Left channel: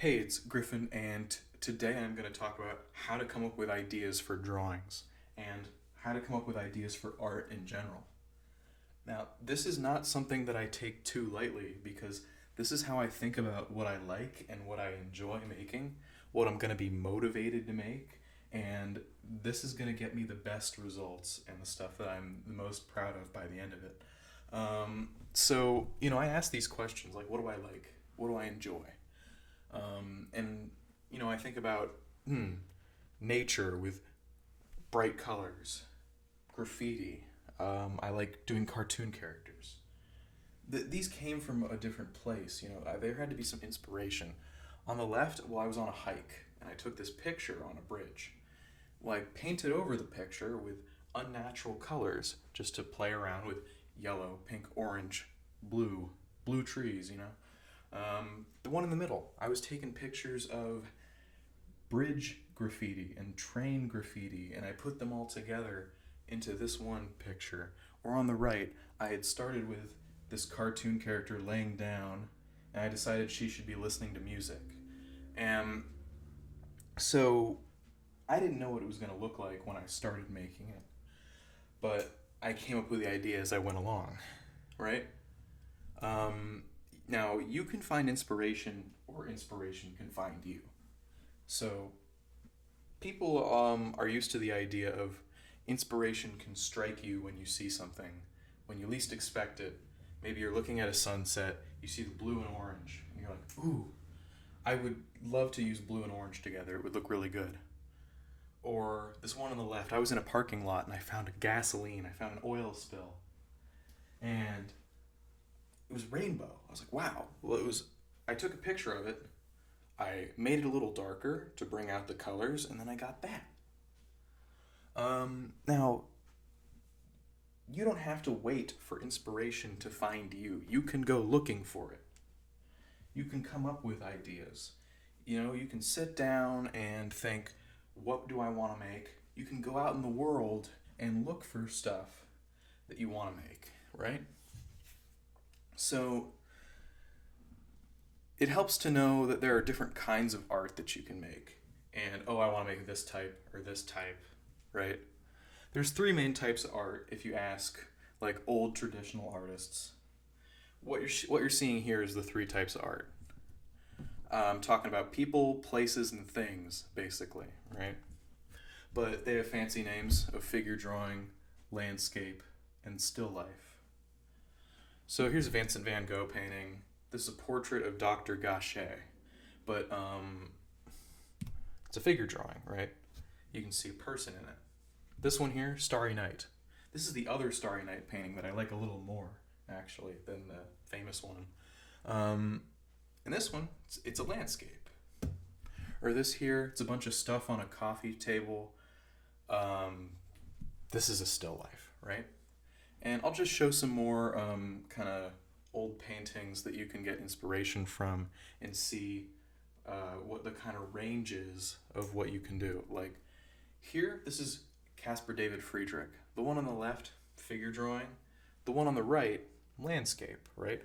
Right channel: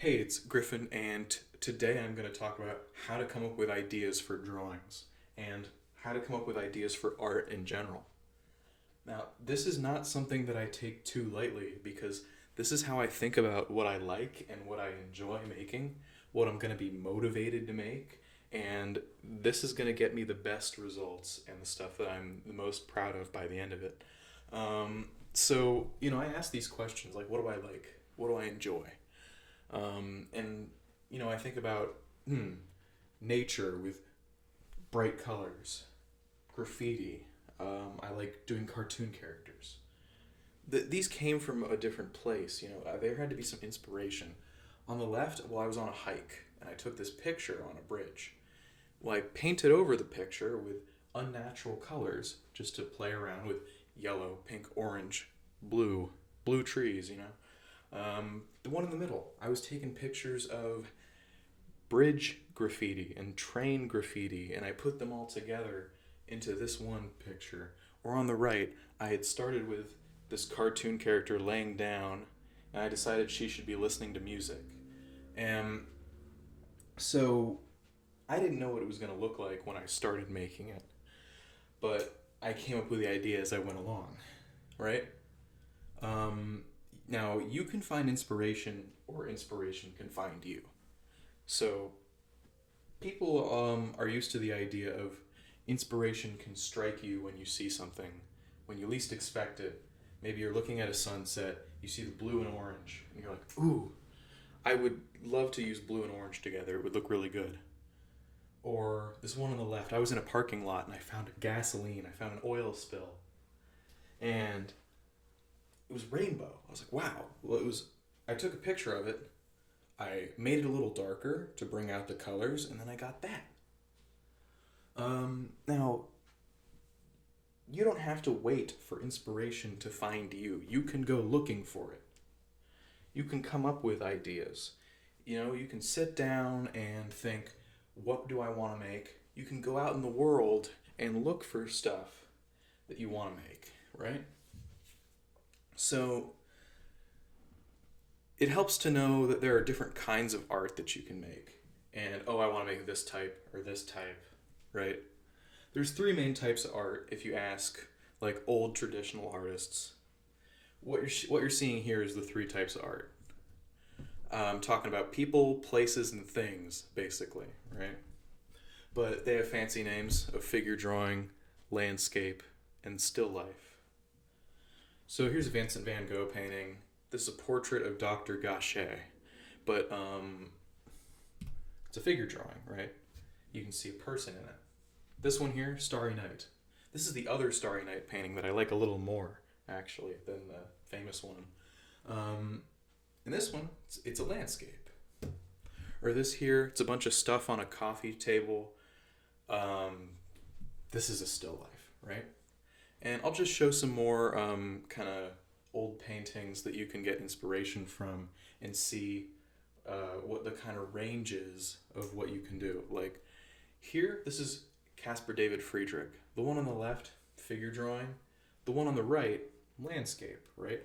Hey, it's Griffin, and today I'm going to talk about how to come up with ideas for drawings and how to come up with ideas for art in general. Now, this is not something that I take too lightly because this is how I think about what I like and what I enjoy making, what I'm going to be motivated to make, and this is going to get me the best results and the stuff that I'm the most proud of by the end of it. I ask these questions like, what do I like? What do I enjoy? And I think about nature with bright colors, graffiti. I like doing cartoon characters. These came from a different place. There had to be some inspiration. On the left, well, I was on a hike and I took this picture on a bridge. Well, I painted over the picture with unnatural colors just to play around with yellow, pink, orange, blue trees. The one in the middle, I was taking pictures of bridge graffiti and train graffiti, and I put them all together into this one picture. Or on the right, I had started with this cartoon character laying down, and I decided she should be listening to music. And so I didn't know what it was going to look like when I started making it, but I came up with the idea as I went along, right? Now, you can find inspiration, or inspiration can find you. So, people are used to the idea of inspiration can strike you when you see something, when you least expect it. Maybe you're looking at a sunset, you see the blue and orange, and you're like, ooh, I would love to use blue and orange together. It would look really good. Or this one on the left, I was in a parking lot and I found a gasoline, I found an oil spill, and it was rainbow. I was like, wow. Well, I took a picture of it, I made it a little darker to bring out the colors, and then I got that. Now, you don't have to wait for inspiration to find you. You can go looking for it. You can come up with ideas. You can sit down and think, what do I want to make? You can go out in the world and look for stuff that you want to make, right? So, it helps to know that there are different kinds of art that you can make. And, oh, I want to make this type or this type, right? There's three main types of art if you ask like old traditional artists. What you're seeing here is the three types of art. I'm talking about people, places, and things, basically, right? But they have fancy names of figure drawing, landscape, and still life. So here's a Vincent van Gogh painting. This is a portrait of Dr. Gachet, but it's a figure drawing, right? You can see a person in it. This one here, Starry Night. This is the other Starry Night painting that I like a little more, actually, than the famous one. And this one, it's a landscape. Or this here, it's a bunch of stuff on a coffee table. Um, this is a still life, right? And I'll just show some more kind of old paintings that you can get inspiration from and see what the kind of range is of what you can do. Like here, this is Caspar David Friedrich. The one on the left, figure drawing. The one on the right, landscape, right?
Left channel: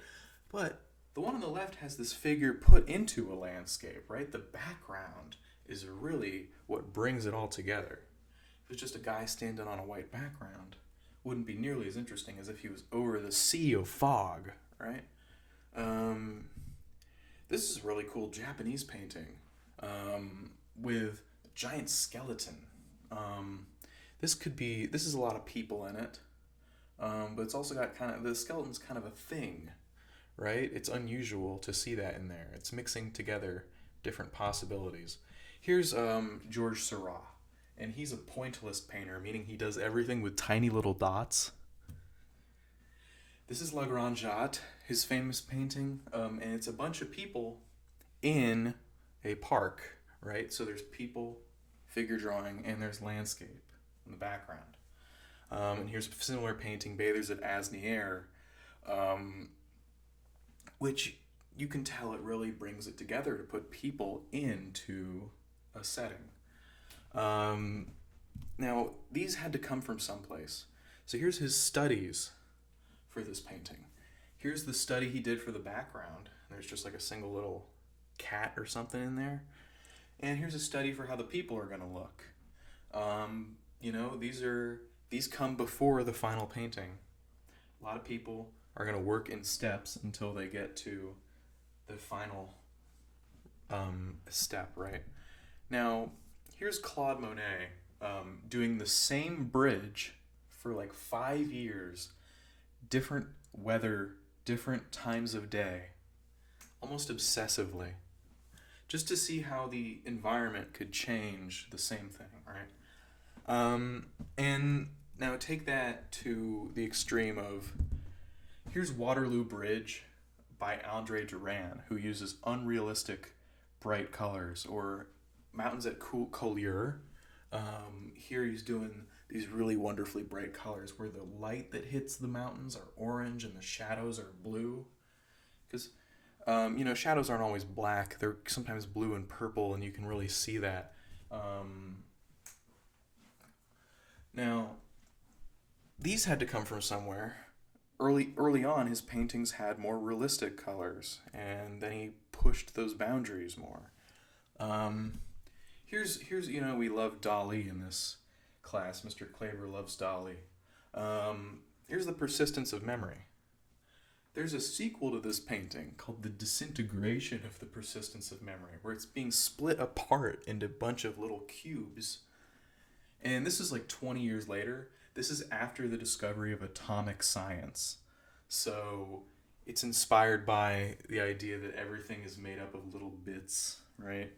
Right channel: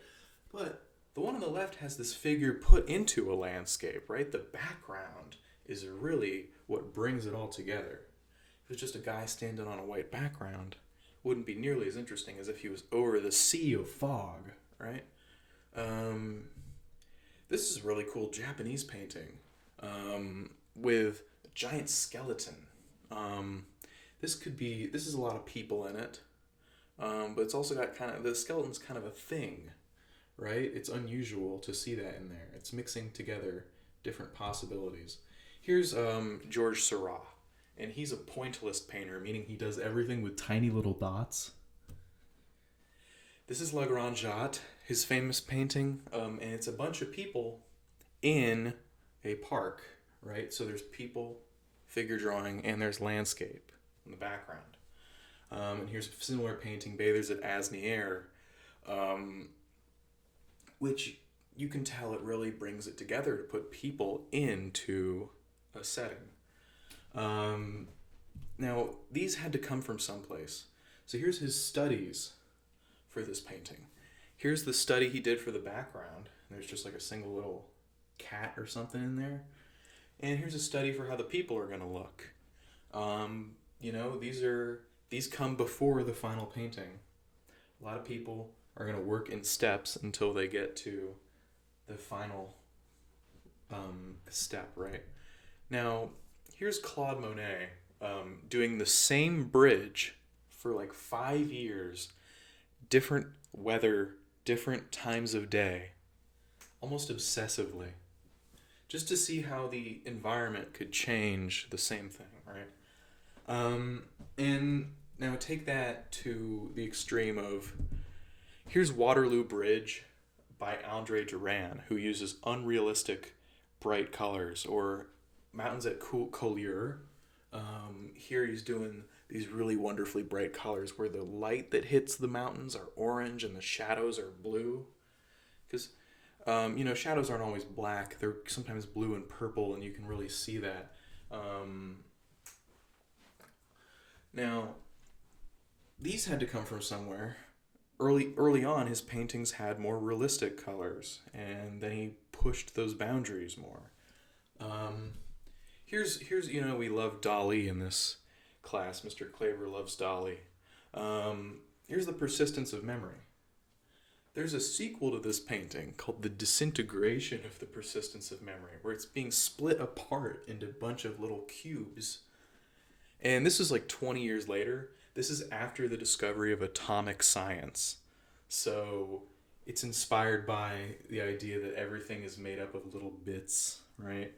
But the one on the left has this figure put into a landscape, right? The background is really what brings it all together. If it's just a guy standing on a white background, wouldn't be nearly as interesting as if he was over the sea of fog, right? Um, this is a really cool Japanese painting with a giant skeleton. Um, this is a lot of people in it, but it's also got the skeleton's kind of a thing, right? It's unusual to see that in there. It's mixing together different possibilities. Here's Georges Seurat, and he's a pointillist painter, meaning he does everything with tiny little dots. This is La Grande Jatte, his famous painting, and it's a bunch of people in a park, right? So there's people, figure drawing, and there's landscape in the background. And here's a similar painting, Bathers at Asnières, um, which you can tell it really brings it together to put people into a setting. Now, these had to come from someplace. So here's his studies for this painting. Here's the study he did for the background. There's just like a single little cat or something in there. And here's a study for how the people are going to look. These come before the final painting. A lot of people are going to work in steps until they get to the final step, right? Now, here's Claude Monet doing the same bridge for like 5 years, different weather, different times of day, almost obsessively, just to see how the environment could change the same thing, right? And now take that to the extreme of, here's Waterloo Bridge by Andre Duran, who uses unrealistic bright colors, or Mountains at Collioure. Here he's doing these really wonderfully bright colors where the light that hits the mountains are orange and the shadows are blue. Because, shadows aren't always black. They're sometimes blue and purple, and you can really see that. Now, these had to come from somewhere. Early on, his paintings had more realistic colors, and then he pushed those boundaries more. Here's we love Dali in this class. Mr. Klaver loves Dali. Here's the persistence of memory. There's a sequel to this painting called The Disintegration of the Persistence of Memory, where it's being split apart into a bunch of little cubes. And this is like 20 years later. This is after the discovery of atomic science. So it's inspired by the idea that everything is made up of little bits, right?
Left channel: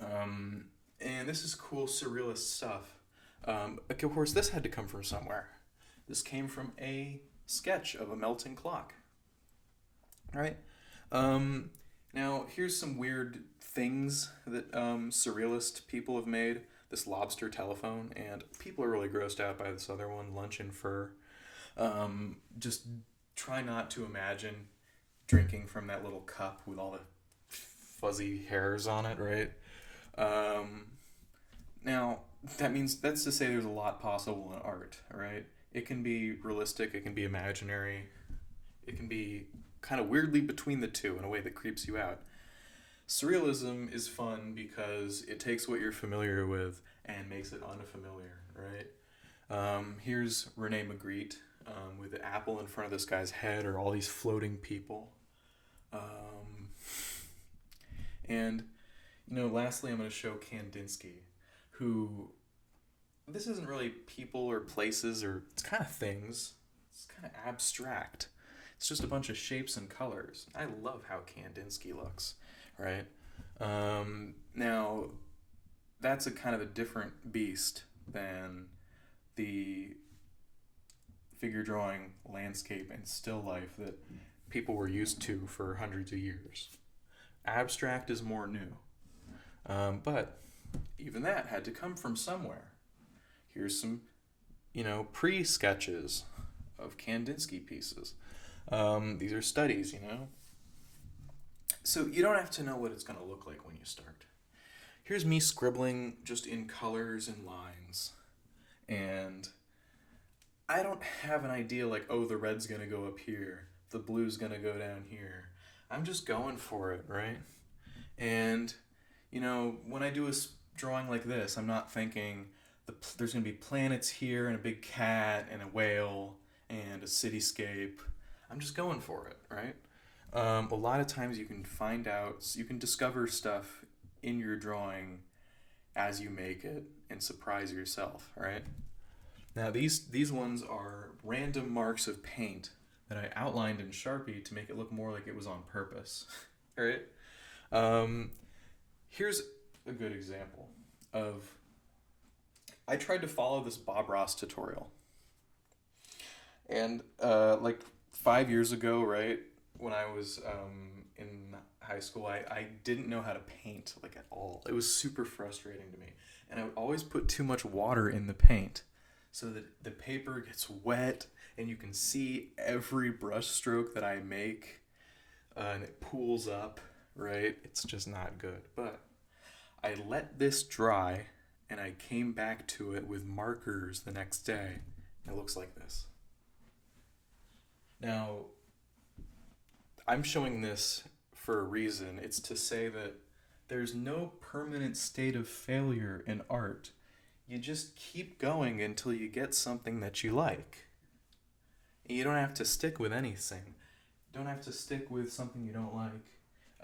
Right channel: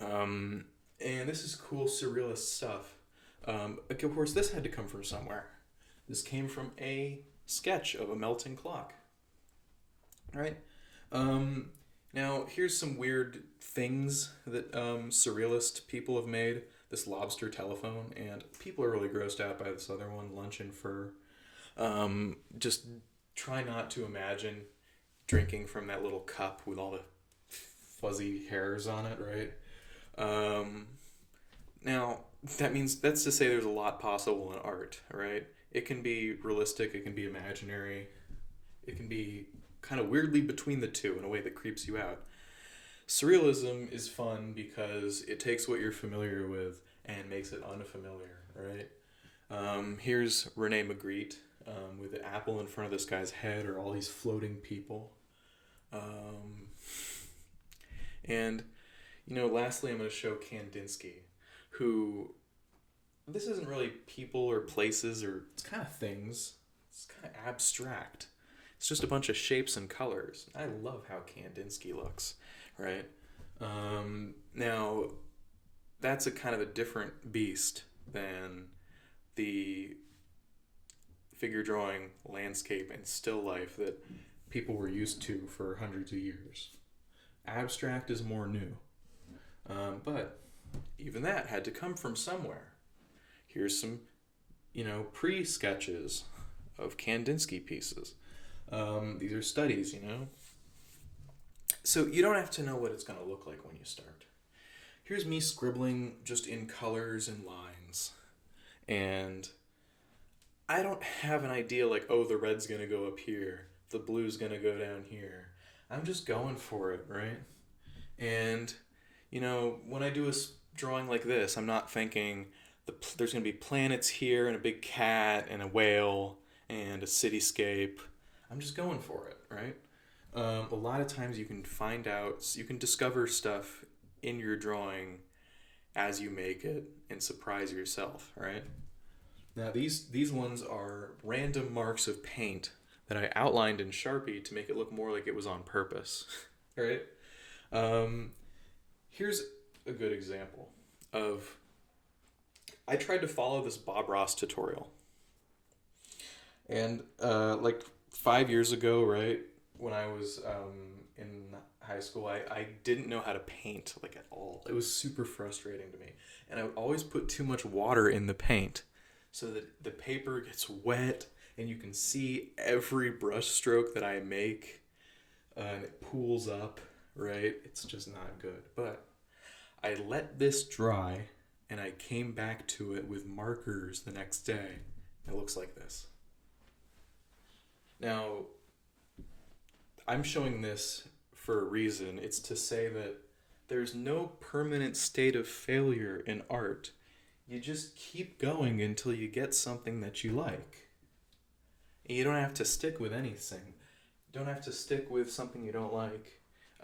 And this is cool surrealist stuff. Of course, this had to come from somewhere. This came from a sketch of a melting clock, right? Now, here's some weird things that surrealist people have made. This lobster telephone, and people are really grossed out by this other one, Lunch and Fur. Just try not to imagine drinking from that little cup with all the fuzzy hairs on it, right? Now, that's to say there's a lot possible in art, right? It can be realistic, it can be imaginary, it can be kind of weirdly between the two in a way that creeps you out. Surrealism is fun because it takes what you're familiar with and makes it unfamiliar, right? Here's Rene Magritte with the apple in front of this guy's head, or all these floating people. Lastly, I'm going to show Kandinsky, who, this isn't really people or places, or it's kind of things. It's kind of abstract. It's just a bunch of shapes and colors. I love how Kandinsky looks. Right? Now, that's a kind of a different beast than the figure drawing, landscape, and still life that people were used to for hundreds of years. Abstract is more new. But even that had to come from somewhere. Here's some, pre-sketches of Kandinsky pieces. These are studies, So you don't have to know what it's going to look like when you start. Here's me scribbling just in colors and lines. And I don't have an idea like, oh, the red's going to go up here, the blue's going to go down here. I'm just going for it, right? And, when I do a drawing like this, I'm not thinking there's going to be planets here and a big cat and a whale and a cityscape. I'm just going for it, right? A lot of times you can discover stuff in your drawing as you make it and surprise yourself, right? Now these ones are random marks of paint that I outlined in Sharpie to make it look more like it was on purpose, right? Here's a good example of, I tried to follow this Bob Ross tutorial. And 5 years ago, right, when I was in high school, I didn't know how to paint at all. It was super frustrating to me. And I would always put too much water in the paint so that the paper gets wet and you can see every brush stroke that I make and it pools up, right? It's just not good. But I let this dry and I came back to it with markers the next day. It looks like this. Now, I'm showing this for a reason. It's to say that there's no permanent state of failure in art. You just keep going until you get something that you like. And you don't have to stick with anything. You don't have to stick with something you don't like.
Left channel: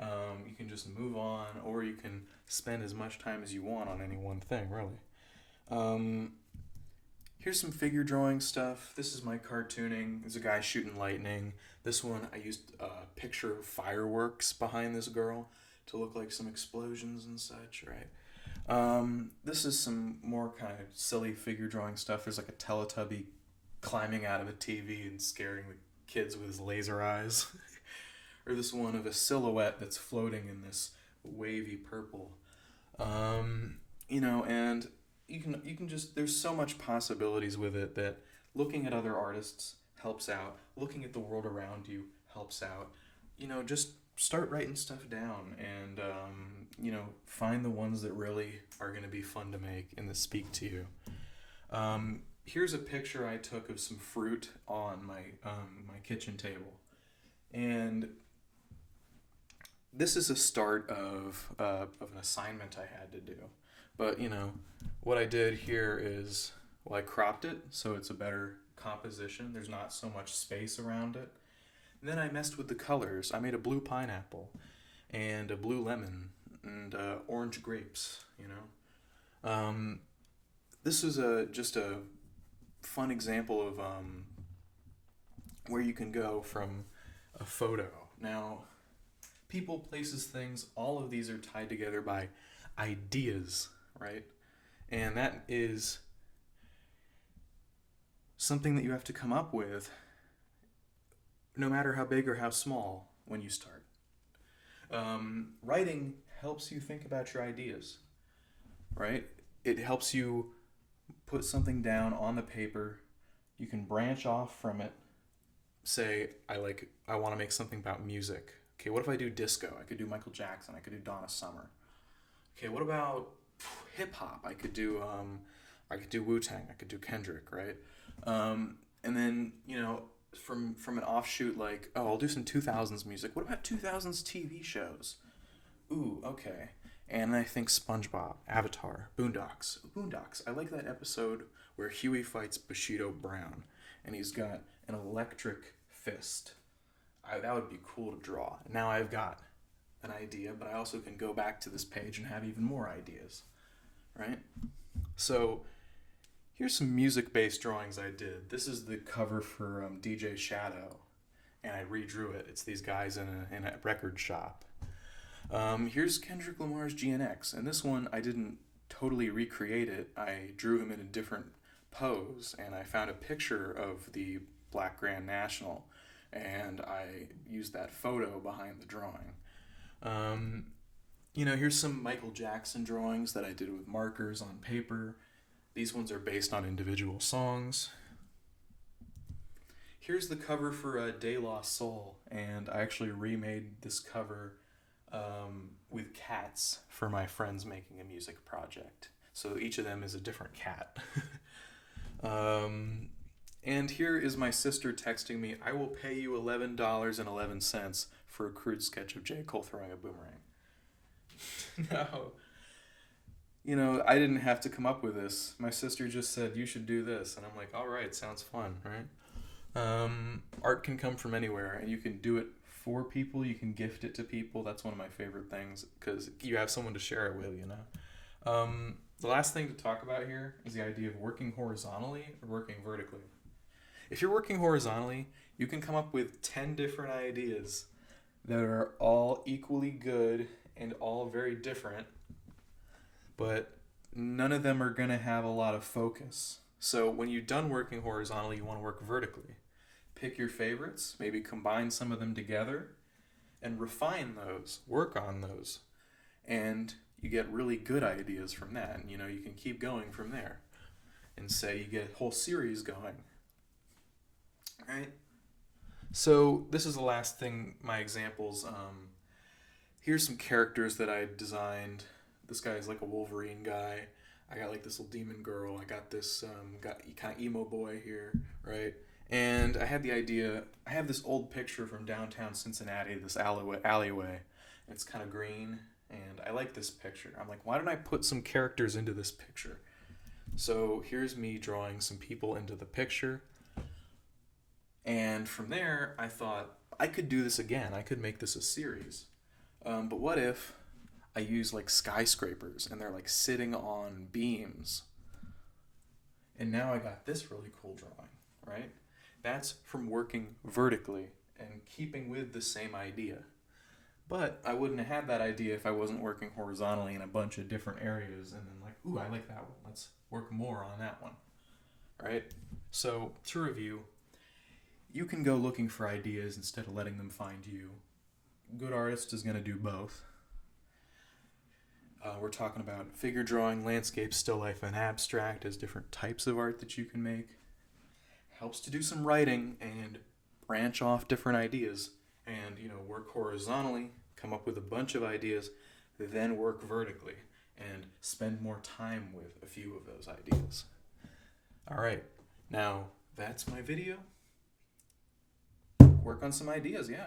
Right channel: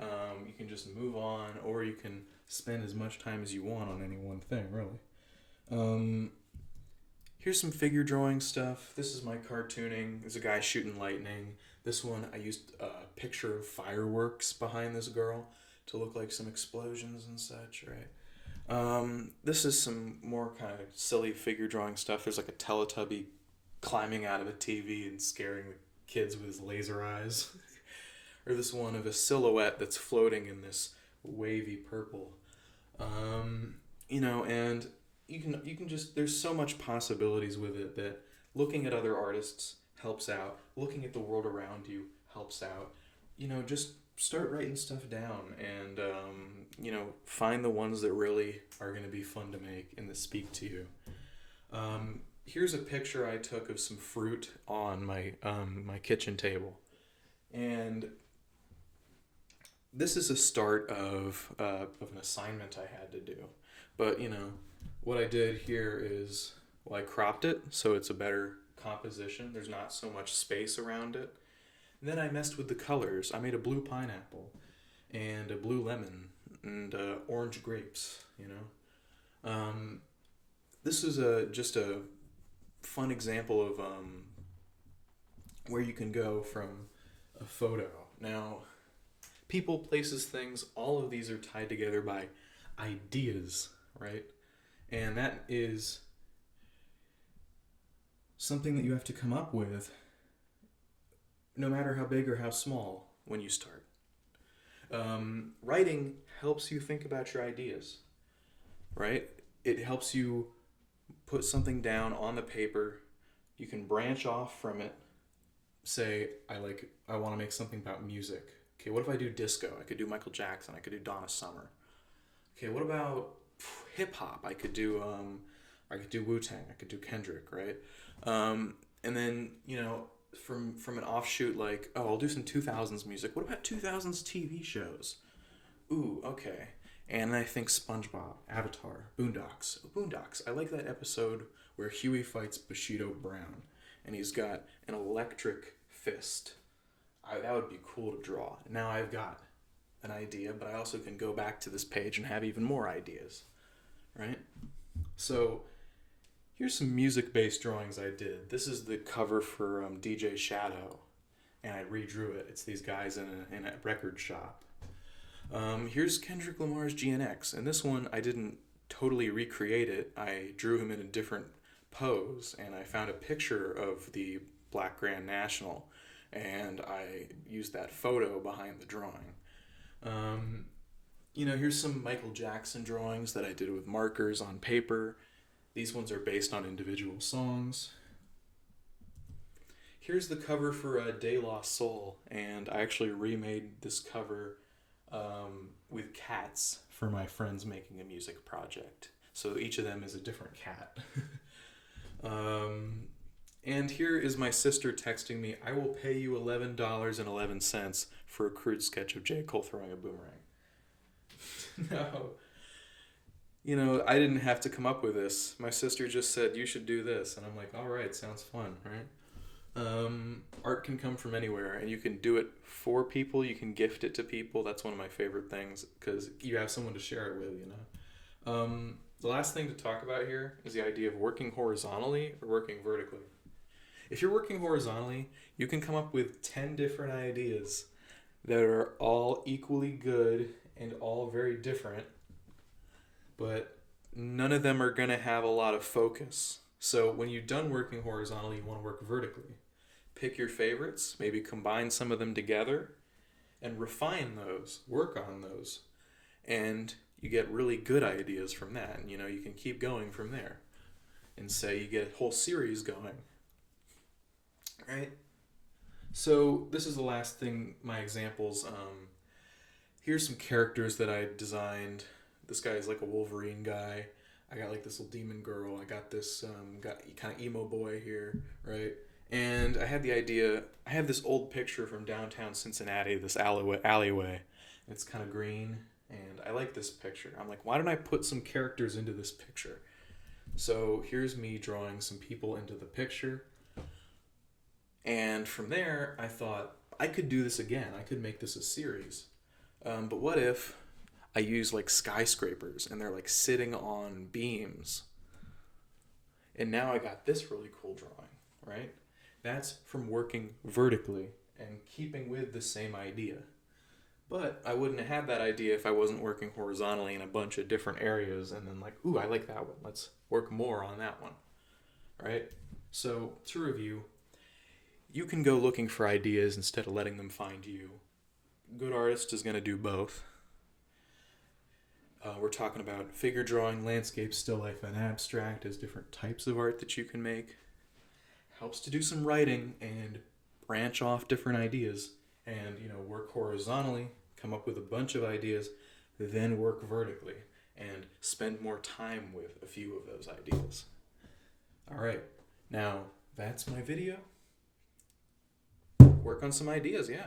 You can just move on, or you can spend as much time as you want on any one thing, really. Here's some figure drawing stuff. This is my cartooning. There's a guy shooting lightning. This one, I used a picture of fireworks behind this girl to look like some explosions and such, right? This is some more kind of silly figure drawing stuff. There's like a Teletubby climbing out of a TV and scaring the kids with his laser eyes. Or this one of a silhouette that's floating in this wavy purple. And you can just, there's so much possibilities with it that looking at other artists helps out. Looking at the world around you helps out. Just start writing stuff down and, find the ones that really are going to be fun to make and that speak to you. Here's a picture I took of some fruit on my kitchen table. And this is a start of an assignment I had to do. But, what I did here is, I cropped it so it's a better composition. There's not so much space around it. And then I messed with the colors. I made a blue pineapple and a blue lemon and orange grapes, This is just a fun example of where you can go from a photo. Now, people, places, things, all of these are tied together by ideas, right? And that is something that you have to come up with no matter how big or how small when you start. Writing helps you think about your ideas, right? It helps you put something down on the paper. You can branch off from it. Say, I want to make something about music. Okay, what if I do disco? I could do Michael Jackson. I could do Donna Summer. Okay, what about hip hop? I could do Wu-Tang. I could do Kendrick, right? And then, from an offshoot I'll do some 2000s music. What about 2000s TV shows? Ooh, okay. And I think SpongeBob, Avatar, Boondocks. I like that episode where Huey fights Bushido Brown, and he's got an electric fist. That would be cool to draw. Now I've got an idea, but I also can go back to this page and have even more ideas, right? So here's some music-based drawings I did. This is the cover for DJ Shadow, and I redrew it. It's these guys in a record shop. Here's Kendrick Lamar's GNX, and this one I didn't totally recreate it. I drew him in a different pose, and I found a picture of the Black Grand National, and I used that photo behind the drawing. Here's some Michael Jackson drawings that I did with markers on paper. These ones are based on individual songs. Here's the cover for De La Soul, and I actually remade this cover with cats for my friends making a music project. So each of them is a different cat. And here is my sister texting me, I will pay you $11.11 for a crude sketch of J. Cole throwing a boomerang. No. I didn't have to come up with this. My sister just said, you should do this. And I'm like, all right, sounds fun, right? Art can come from anywhere, and you can do it for people. You can gift it to people. That's one of my favorite things, because you have someone to share it with, The last thing to talk about here is the idea of working horizontally or working vertically. If you're working horizontally, you can come up with 10 different ideas that are all equally good and all very different, but none of them are going to have a lot of focus. So when you're done working horizontally, you want to work vertically. Pick your favorites, maybe combine some of them together, and refine those, work on those. And you get really good ideas from that. And, you can keep going from there. And say you get a whole series going. Right? So this is the last thing, my examples. Here's some characters that I designed. This guy is like a Wolverine guy. I got like this little demon girl. I got this kind of emo boy here, right? And I had the idea, I have this old picture from downtown Cincinnati, this alleyway, It's kind of green, and I like this picture. I'm like, why don't I put some characters into this picture? So here's me drawing some people into the picture. And from there, I thought I could do this again. I could make this a series. But what if I use like skyscrapers and they're like sitting on beams? And now I got this really cool drawing, right? That's from working vertically and keeping with the same idea. But I wouldn't have had that idea if I wasn't working horizontally in a bunch of different areas and then like, ooh, I like that one. Let's work more on that one, right? So to review, you can go looking for ideas instead of letting them find you. Good artist is going to do both. We're talking about figure drawing, landscape, still life, and abstract as different types of art that you can make. Helps to do some writing and branch off different ideas and, work horizontally, come up with a bunch of ideas, then work vertically and spend more time with a few of those ideas. All right, now that's my video. Work on some ideas, yeah.